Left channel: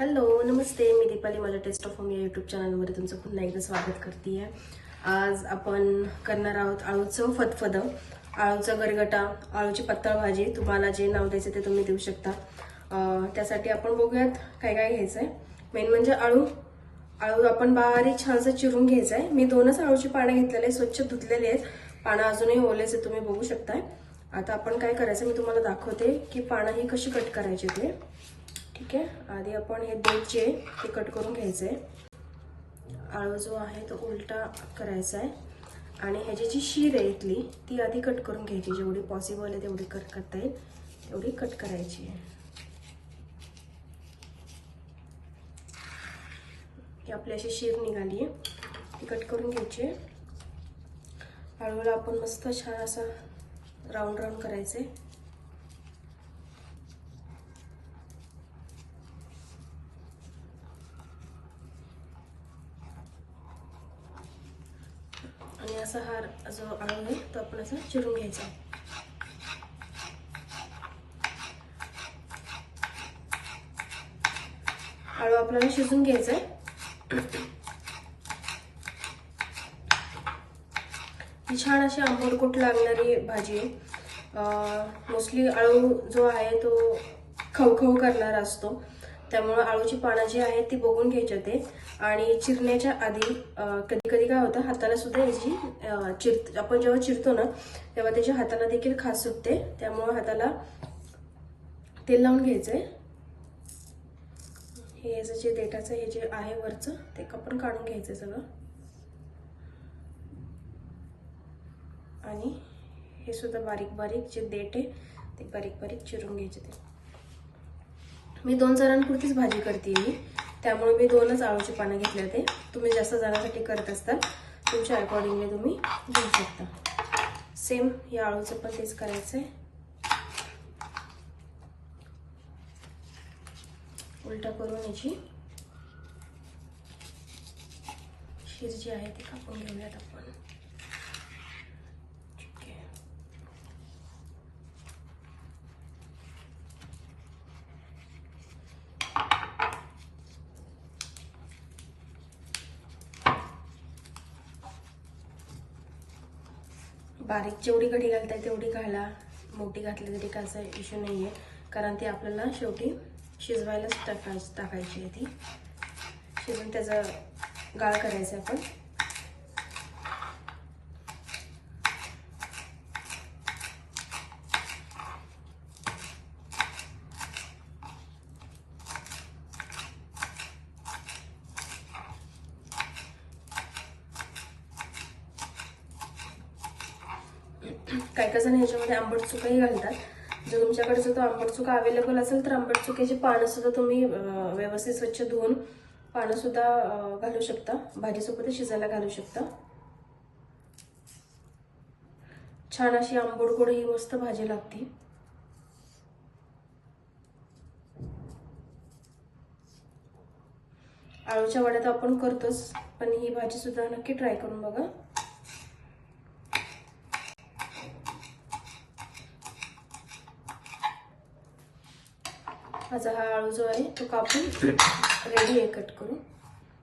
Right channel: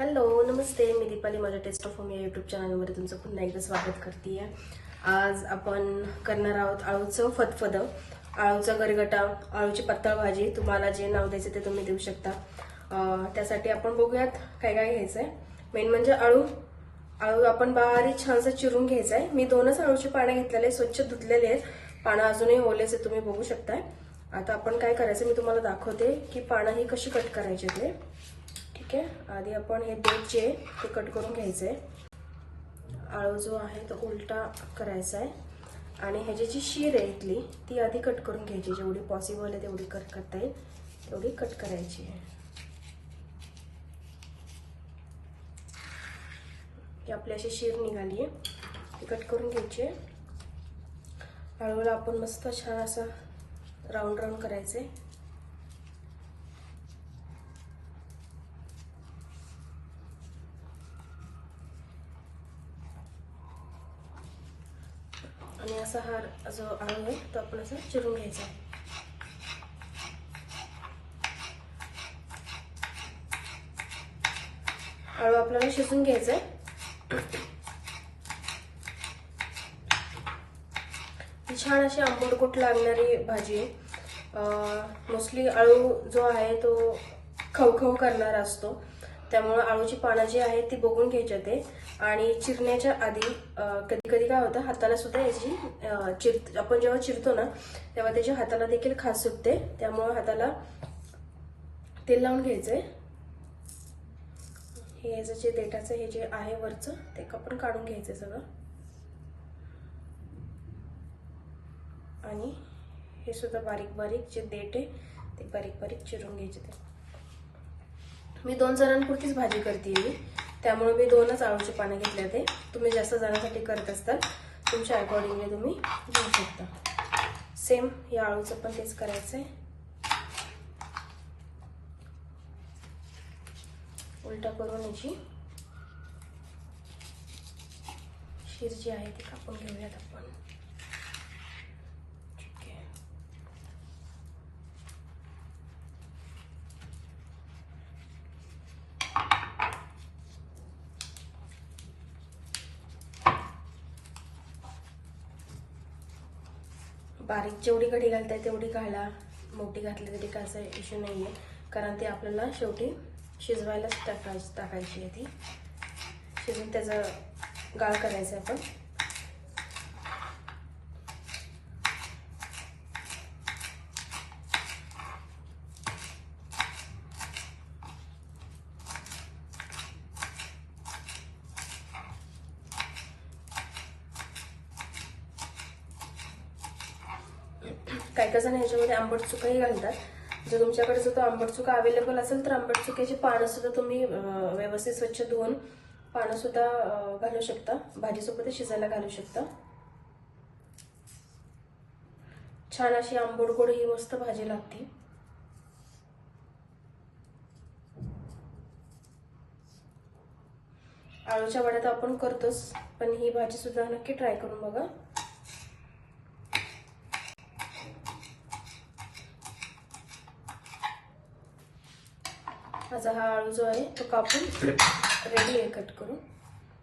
Hello नमस्ते, मी दीपाली. माझ्या taste of home या YouTube चॅनलमध्ये तुमचं पुन्हा एकदा स्वागत करते आहे. आज आपण करणार आहोत आळूचं फतफद, आळूचा गरगटा, आळूची पातळ भाजी. तुम्हाला जे नाव द्यायचं ते तुम्ही देऊ शकता. त्यासाठी आपण बघूयात काय काय घ्यायचं आहे. मेन म्हणजे आळू आपण बारीक छानसं चिरून घ्यायचं आहे. मी 2च आळूची पानं घेतलेले, स्वच्छ धुतलेले आहेत. पानं अजूनही ओलेच आहेत, तुम्ही बघू शकताय. आता आपण काय करायचं मी तुम्हाला दाखवते की पानं ही कशी कट करायची ते. ठीक आहे, आधी आपण हे देठ जे ते कट करून घ्यायचं आहे. आळू जो आहे तो उलटा करायचा आहे आणि ह्याची जी शीर आहे इथली ती आधी कट करून घ्यायची. जेवढी पॉसिबल आहे तेवढी कट करता येईल तेवढी कट करायची आहे. ही आपली अशी शीर निघाली आहे, ती कट करून घ्यायची आहे. आळूला आपण मस्त छान असा राऊंड राऊंड करायचं आहे. आणि असा हा जो आळू आहे तो आपण असं चिरून घ्यायचा. आळू आपल्याला शिजून घ्यायचा आहे. ही छान अशी आंबटगोट लागणारी भाजी आहे. मोस्टली आळू जो आहे तो खवखव करणारा असतो, त्यामुळे आळूची पानं जी आहेत ती बघून घ्यायची ते. आणि चिरण्याच्या आधी कधी कधी काय होतं, हाताला सुद्धा याची आपण जेव्हा चिरतो ना तेव्हा त्याच्या हाताला देखील खाज सुटते. त्यामुळे हाताला तेल लावून घ्यायचंय. हे याचं जे देठाचं हे जे आहे वरचं ते आपण काढून घ्यायचं सगळं. आणि हे सुद्धा बारीक बारीक जे देठ आहे ते बारीक बारीक चिरून घ्यायचे. ते मी 2 जणांपुरतीच भाजी करते त्यामुळे मी 2च आळूची पानं घेतले होते. तुम्ही जास्त जणांसाठी करत असताल तुमच्या अकॉर्डिंगली तुम्ही घेऊ शकता. सेम या आळूचं पण तेच करायचं आहे. उलटा करून याची शीर जी आहे ती कापून घेऊयात आपण. ठीक आहे, बारीक जेवढी कढी घालताय तेवढी घाला, मोठी घातली तरी काय असा इश्यू नाही आहे, कारण ती आपल्याला शेवटी शिजवायलाच टाकायची आहे. ती शिजून त्याचा गाळ करायचा आपण. काही जण ह्याच्यामध्ये आंबट चुकाही घालतात. जर तुमच्याकडे जर तो आंबट चुका अवेलेबल असेल तर आंबट चुक्याची पानं सुद्धा तुम्ही व्यवस्थित स्वच्छ धुवून पानं सुद्धा घालू शकता, भाजीसोबत शिजायला घालू शकता. छान अशी आंबट गोड ही मस्त भाजी लागते. आळूच्या वड्या तर आपण करतोच, पण ही भाजी सुद्धा नक्की ट्राय करून बघा. माझा हा आळू जो आहे तो कापून रेडी आहे कट करून.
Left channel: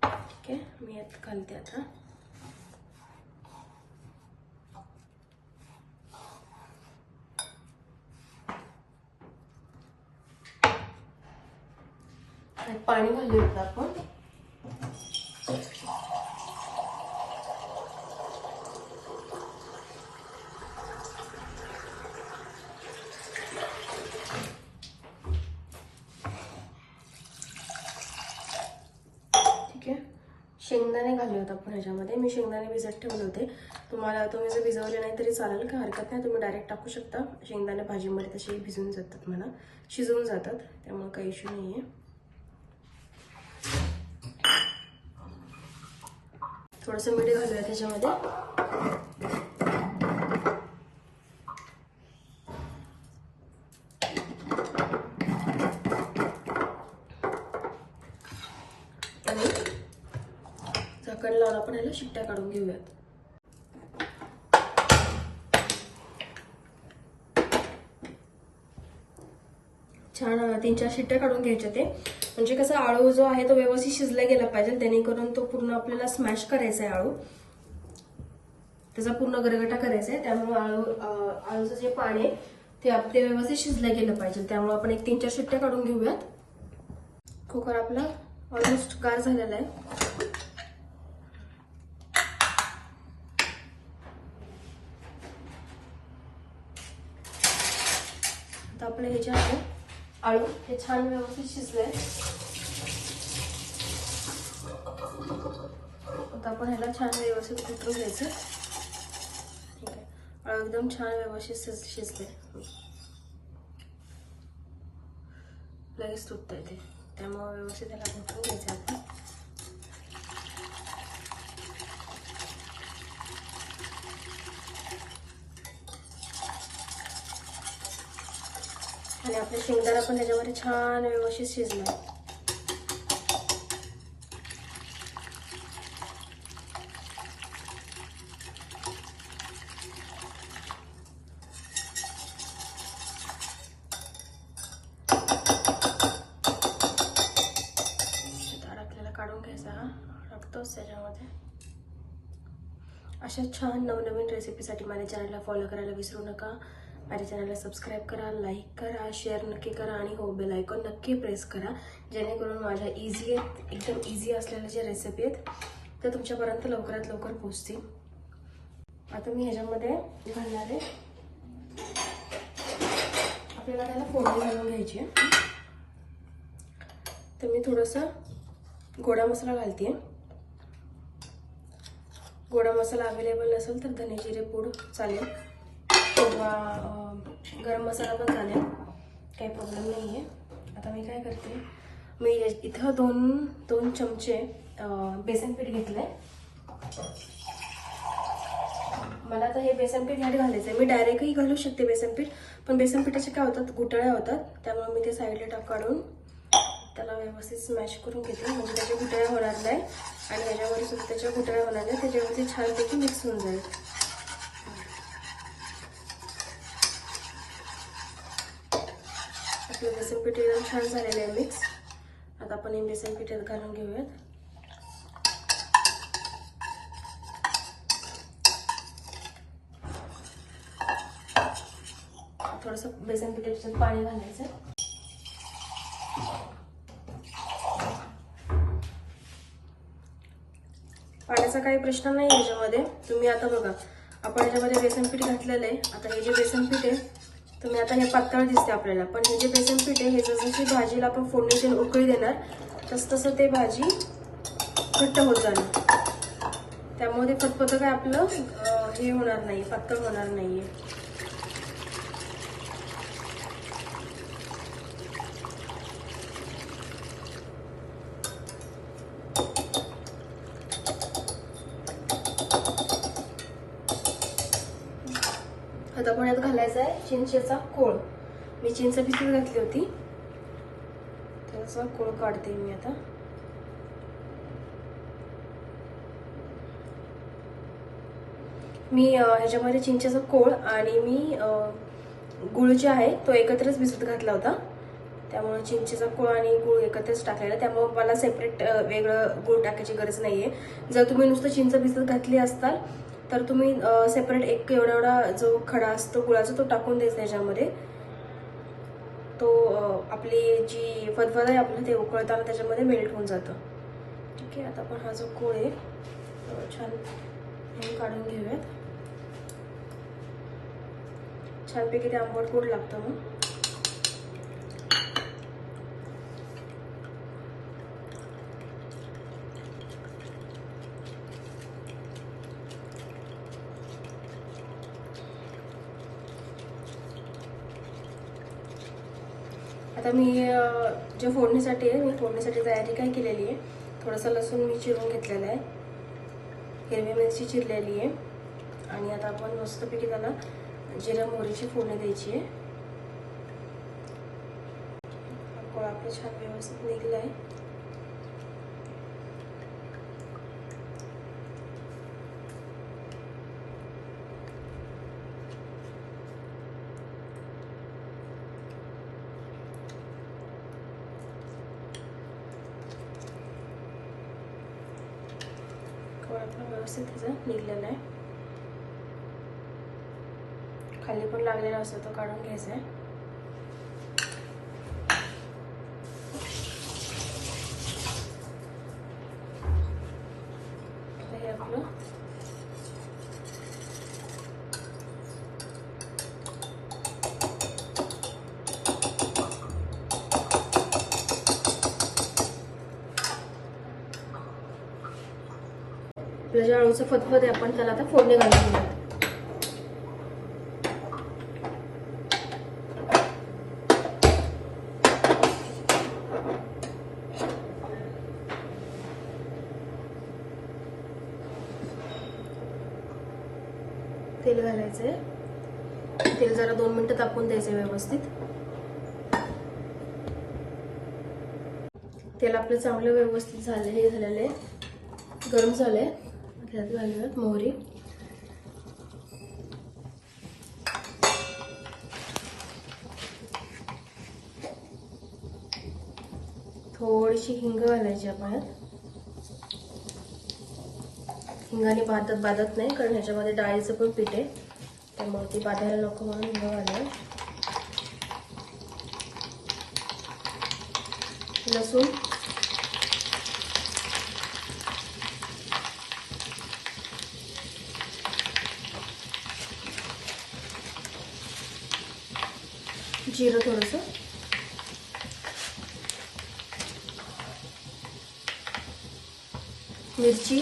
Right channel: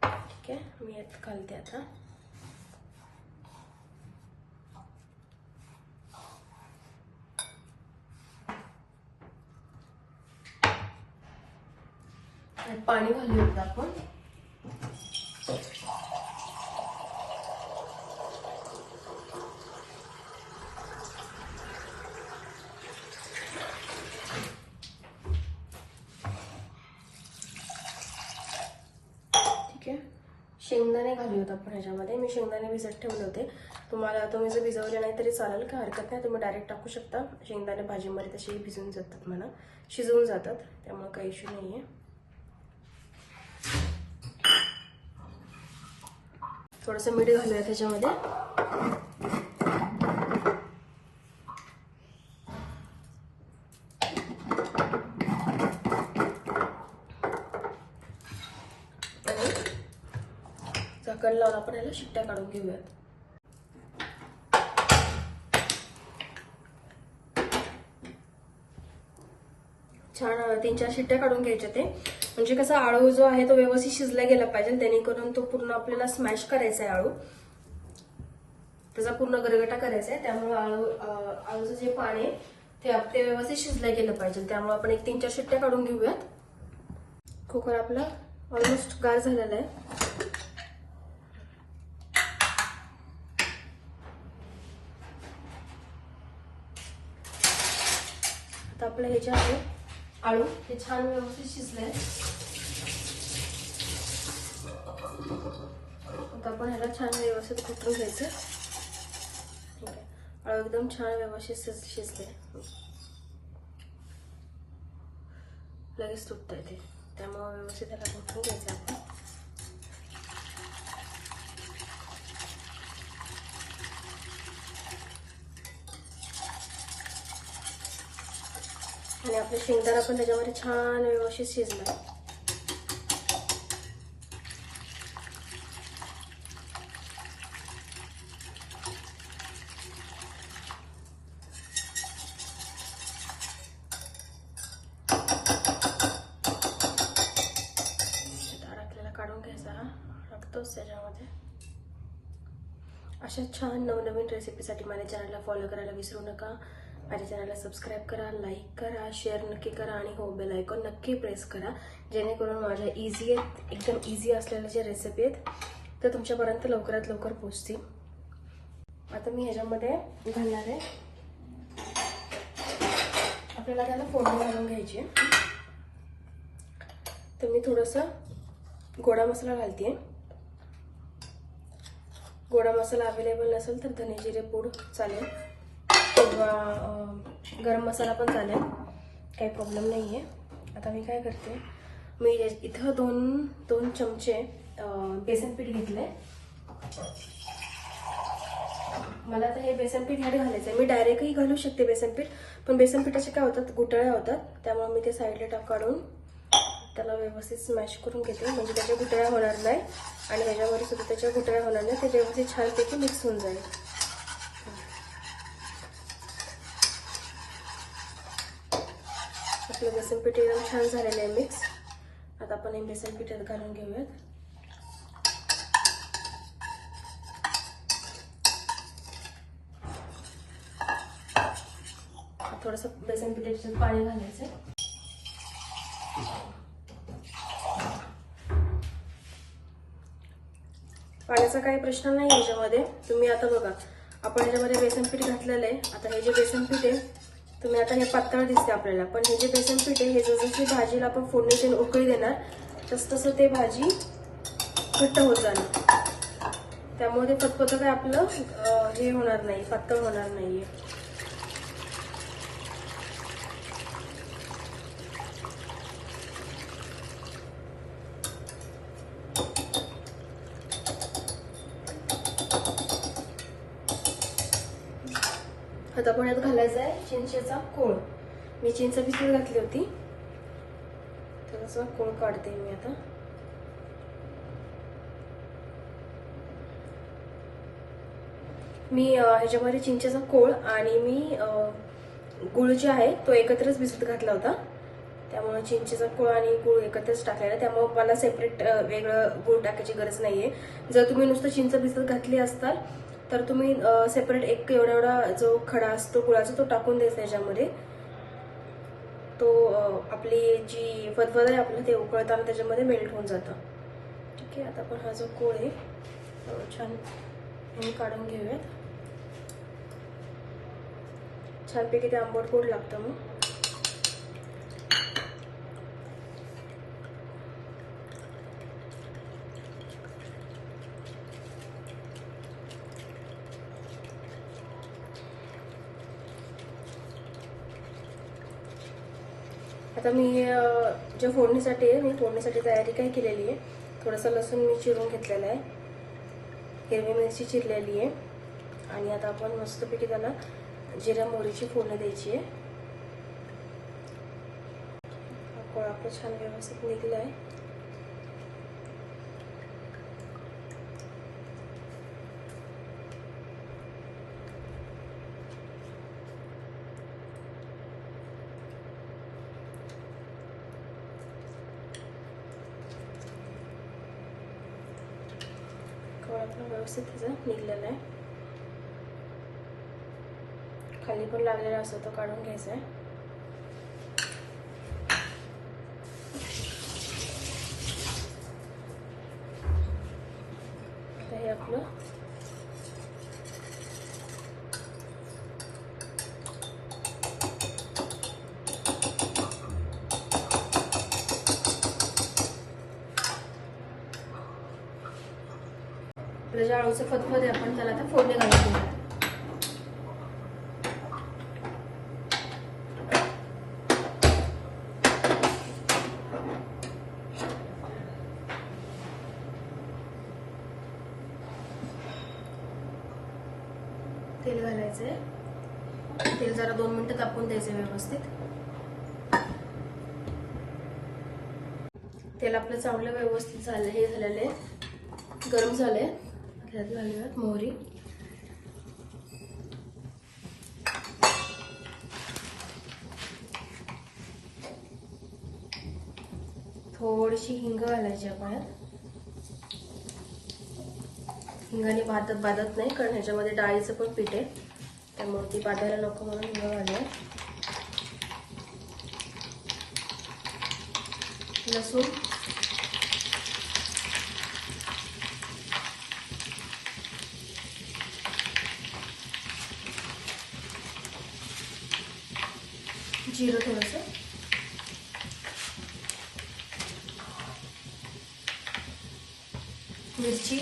ठीक आहे, मी यात घालते आता. पाणी घालूया आपण. शेंगदाणे घालूयात आपण ह्याच्यामध्ये. मी शेंगदाणे भिजत ठेवले होते. तुम्ही जर भिजवले नाही तरी चालेल, काय हरकत नाही, तुम्ही डायरेक्ट टाकू शकता. शेंगदाणे भाजीमध्ये तसे भिजून जातात, म्हणा शिजवून जातात, त्यामुळे काही इश्यू नाही आहे. थोडंसं मीठ घालूया त्याच्यामध्ये. झाकण लावून आपण याला शिट्ट्या काढून घेऊयात. छान 3-4 शिट्ट्या काढून घ्यायच्या ते. म्हणजे कसं आळू जो आहे तो व्यवस्थित शिजला गेला पाहिजे, जेणेकरून तो पूर्ण आपल्याला स्मॅश करायचा आहे आळू, त्याचा पूर्ण गरगटा करायचा आहे. त्यामुळे आळूचं जे पाणी आहे ते व्यवस्थित शिजलं गेलं पाहिजे. त्यामुळे आपण एक 3-4 शिट्ट्या काढून घेऊयात. कुकर आपला ऑलमोस्ट गार झालेला आहे. आता आपलं हे जे आहे आळू हे छान व्यवस्थित शिजले. आता आपण ह्याला छान व्यवस्थित कुटून घ्यायचं. ठीक आहे, आळू एकदम छान व्यवस्थित शिजले. लगेच तुटत ते, त्यामुळे व्यवस्थित त्याला कुटून घ्यायचं आपण. आणि आपले शेंगदाणा पण त्याच्यामध्ये छान व्यवस्थित शिजला. काढून घ्यायचा, हा लागतोच त्याच्यामध्ये. अशा छान नवनवीन रेसिपीसाठी माझ्या चॅनलला फॉलो करायला विसरू नका. माझ्या चॅनलला सबस्क्राईब करा, लाईक करा, शेअर नक्की करा आणि हो बेल आयकॉन नक्की प्रेस करा, जेणेकरून माझ्या एकदम इझी असलेल्या ज्या रेसिपी आहेत त्या तुमच्यापर्यंत लवकरात लवकर पोहोचतील. आता मी ह्याच्यामध्ये घालणार आहे, आपल्याला त्याला फोडणी घालून घ्यायची आहे. तर मी थोडंसं गोडा मसाला घालते. गोडा मसाला अवेलेबल नसेल तर धने जिरे पूड चालेल किंवा गरम मसाला पण चालेल, काही प्रॉब्लेम नाही आहे. आता मी काय करते, मी इथं दोन चमचे बेसन पीठ घेतलं आहे. मला तर हे बेसन पीठ ह्यात घालायचं आहे. मी डायरेक्टही घालू शकते बेसन पीठ, पण बेसन पिठाचे काय होतात, गुठळ्या होतात. त्यामुळे मी ते साईडला काढून त्याला व्यवस्थित स्मॅश करून घेते, म्हणजे त्याच्या गुठळ्या होणार नाही आणि ह्याच्यामध्ये सुद्धा त्याच्या गुठळ्या होणार नाही. ते व्यवस्थित छानपैकी मिक्स होऊन जाईल. आपलं बेसन पीठ एकदम छान झालेलं आहे मिक्स. आता आपण हे बेसन पीठ घालून घेऊयात. थोडंसं बेसन पिठाचं पाणी घालायचं. पाण्याचा काही प्रश्न नाही ह्याच्यामध्ये. तुम्ही आता बघा, आपण ह्याच्यामध्ये बेसन पीठ घातलेलं आहे. आता हे जे बेसन पीठ आहे, तुम्ही आता हे पातळ दिसते आपल्याला, पण हे जे बेसन पीठ आहे हे जसं भाजीला आपण फोडणीची उकळी देणार तसं ते भाजी घट्ट होत जाणार. त्यामुळे ते फतफत काय आपलं हे होणार नाही, पातळ होणार नाहीये. आता आपण यात घालायचा आहे चिंचेचा कोळ. मी चिंच भिजत घातली होती, त्याचा कोळ काढते मी आता. मी ह्याच्यामध्ये चिंचेचा कोळ आणि मी गुळ जे आहे तो एकत्रच भिजत घातला होता. त्यामुळे चिंचेचा कोळ आणि गुळ एकत्रच टाकलेला, त्यामुळे मला सेपरेट वेगळं गुळ टाकायची गरज नाहीये. जर तुम्ही नुसतं चिंच भिजत घातली असताल तर तुम्ही सेपरेट एक एवढा जो खडा असतो गुळाचा तो टाकून द्यायचा त्याच्यामध्ये. तो आपली जी फदफद आहे आपलं ते उकळताना त्याच्यामध्ये मेल्ट होऊन जातं. ठीक आहे, आता आपण हा जो कोळ आहे छान काढून घेऊयात. छानपैकी ते आंबट गोड लागतं मग. आता मी ज्या फोडणीसाठी आहे, मी फोडणीसाठी तयारी काय केलेली आहे, थोडासा लसूण मी चिरून घेतलेला आहे, हिरवी मिरची चिरलेली आहे आणि आता आपण मस्तपैकी त्याला जिरा मोहरीची फोडणी द्यायची आहे. हा कोळ आपला छान व्यवस्थित निघला आहे. पण आपला व्यवस्थित त्याचा निघलेला आहे. खाली पण लागलेला असतो तो काढून घ्यायचा आहे. तर हे आपलं जे आळूचं फतफद आहे आपण त्याला आता फोडणी घालून घेऊया. तेल घालायचंय. तेल जरा 2 मिनिटं तापवून द्यायचं व्यवस्थित. तेल आपलं चांगलं व्यवस्थित झालं, हे झालेलं आहे, गरम झालंय. त्यात घालूयात मोहरी, थोडीशी हिंग घालायची आपण. हिंगाने बाधत नाही, कारण ह्याच्यामध्ये डाळीचं पण पीठ आहे, त्यामुळे ती बाधायला नको म्हणून हिंग घालूया. लसूण, जिरं थोडंसं, मिरची,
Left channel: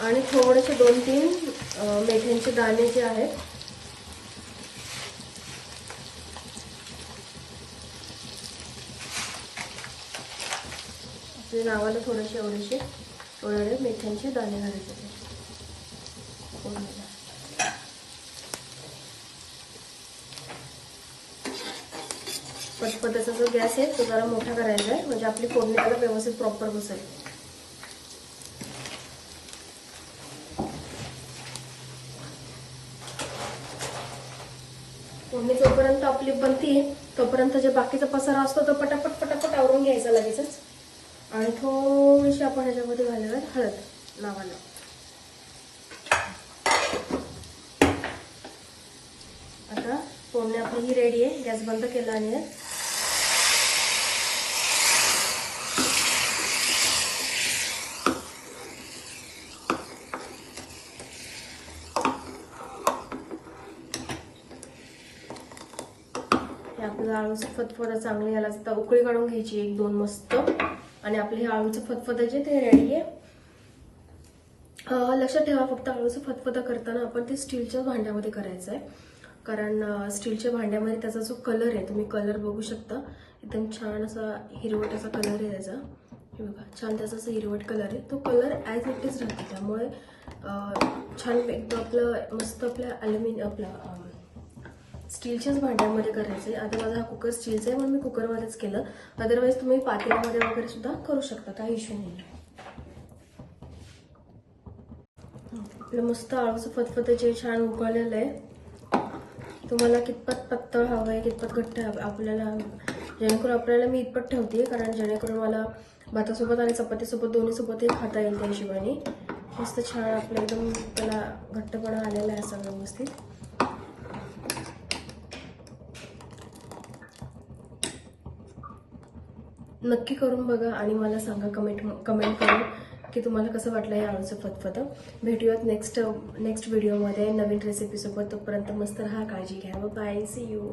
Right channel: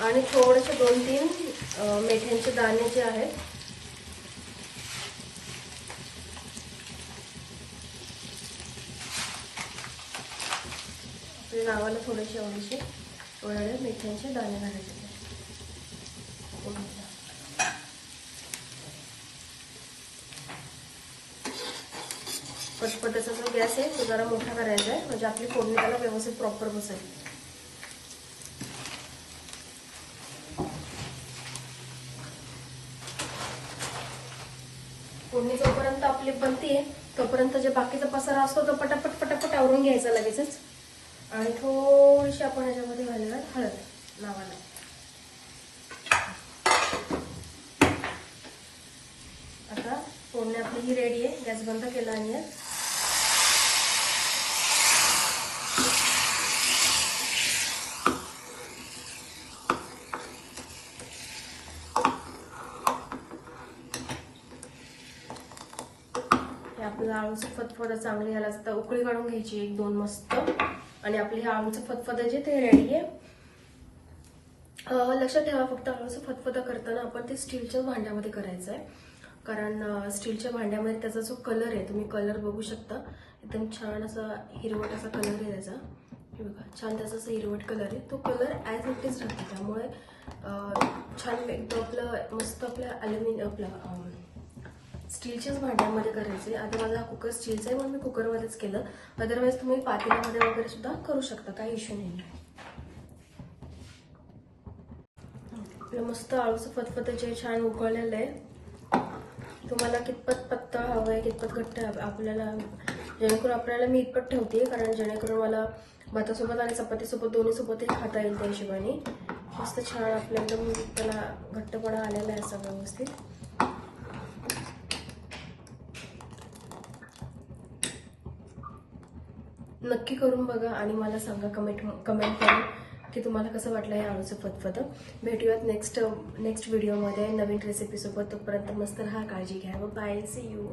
आणि थोडेसे 2-3 मेथ्यांचे दाणे जे आहेत ते लावायला थोडेसे एवढे मेथ्यांचे दाणे घालायचे. पटपटाचा जो गॅस आहे तो जरा मोठा करायचा आहे, म्हणजे आपली फोडणी त्याला व्यवस्थित प्रॉपर बसेल. फोडणी जोपर्यंत आपली बनते तोपर्यंत जे बाकीचा पसारा असतो तो पटापट आवरून घ्यायचा लगेचच. आणि थोडीशी आपण ह्याच्यामध्ये घालूया हळद लावायला. आता फोडणी आपली ही रेडी आहे. गॅस बंद केला आणि आपलं आळूचं फतफद चांगली याला आता उकळी काढून घ्यायची 1-2 मस्त. आणि आपली ही आळूचं फतफद जे ते रेडी आहे. लक्षात ठेवा फक्त आळूचं फतफद करताना आपण ते स्टीलच्या भांड्यामध्ये करायचं आहे, कारण स्टीलच्या भांड्यामध्ये त्याचा जो कलर आहे तुम्ही कलर बघू शकता, एकदम छान असा हिरवट असा कलर आहे त्याचा. हे बघा छान त्याचा असा हिरवट कलर आहे. तो कलर ॲज इट इज राहतो, त्यामुळे छान एकदम आपलं मस्त आपल्या आपल्या स्टीलच्याच भांड्यामध्ये करायचे. आता माझा कुकर स्टीलचा आहे म्हणून मी कुकरमध्येच केलं. अदरवाईज तुम्ही पातेल्यामध्ये वगैरे सुद्धा करू शकता, काही इश्यू नाही. आपलं मस्त आळूचं फतफद छान उकळलेलं आहे. तुम्हाला कितपत पातळ हवंय कितपत घट्ट हवं आपल्याला, जेणेकरून आपल्याला मी इतपत ठेवते, कारण जेणेकरून मला भातासोबत आणि चपातीसोबत दोन्हीसोबतही खाता येईल. त्या हिशोबाने मस्त छान आपलं एकदम त्याला घट्टपणा आलेला आहे असं व्यवस्थित. नक्की करून बघा आणि मला सांगा कमेंट करून की तुम्हाला कसं वाटलं हे आळूचं फतफद. भेटूयात नेक्स्ट व्हिडिओमध्ये नवीन रेसिपीसोबत. तोपर्यंत मस्त राहा, काळजी घ्या. Bye, see you.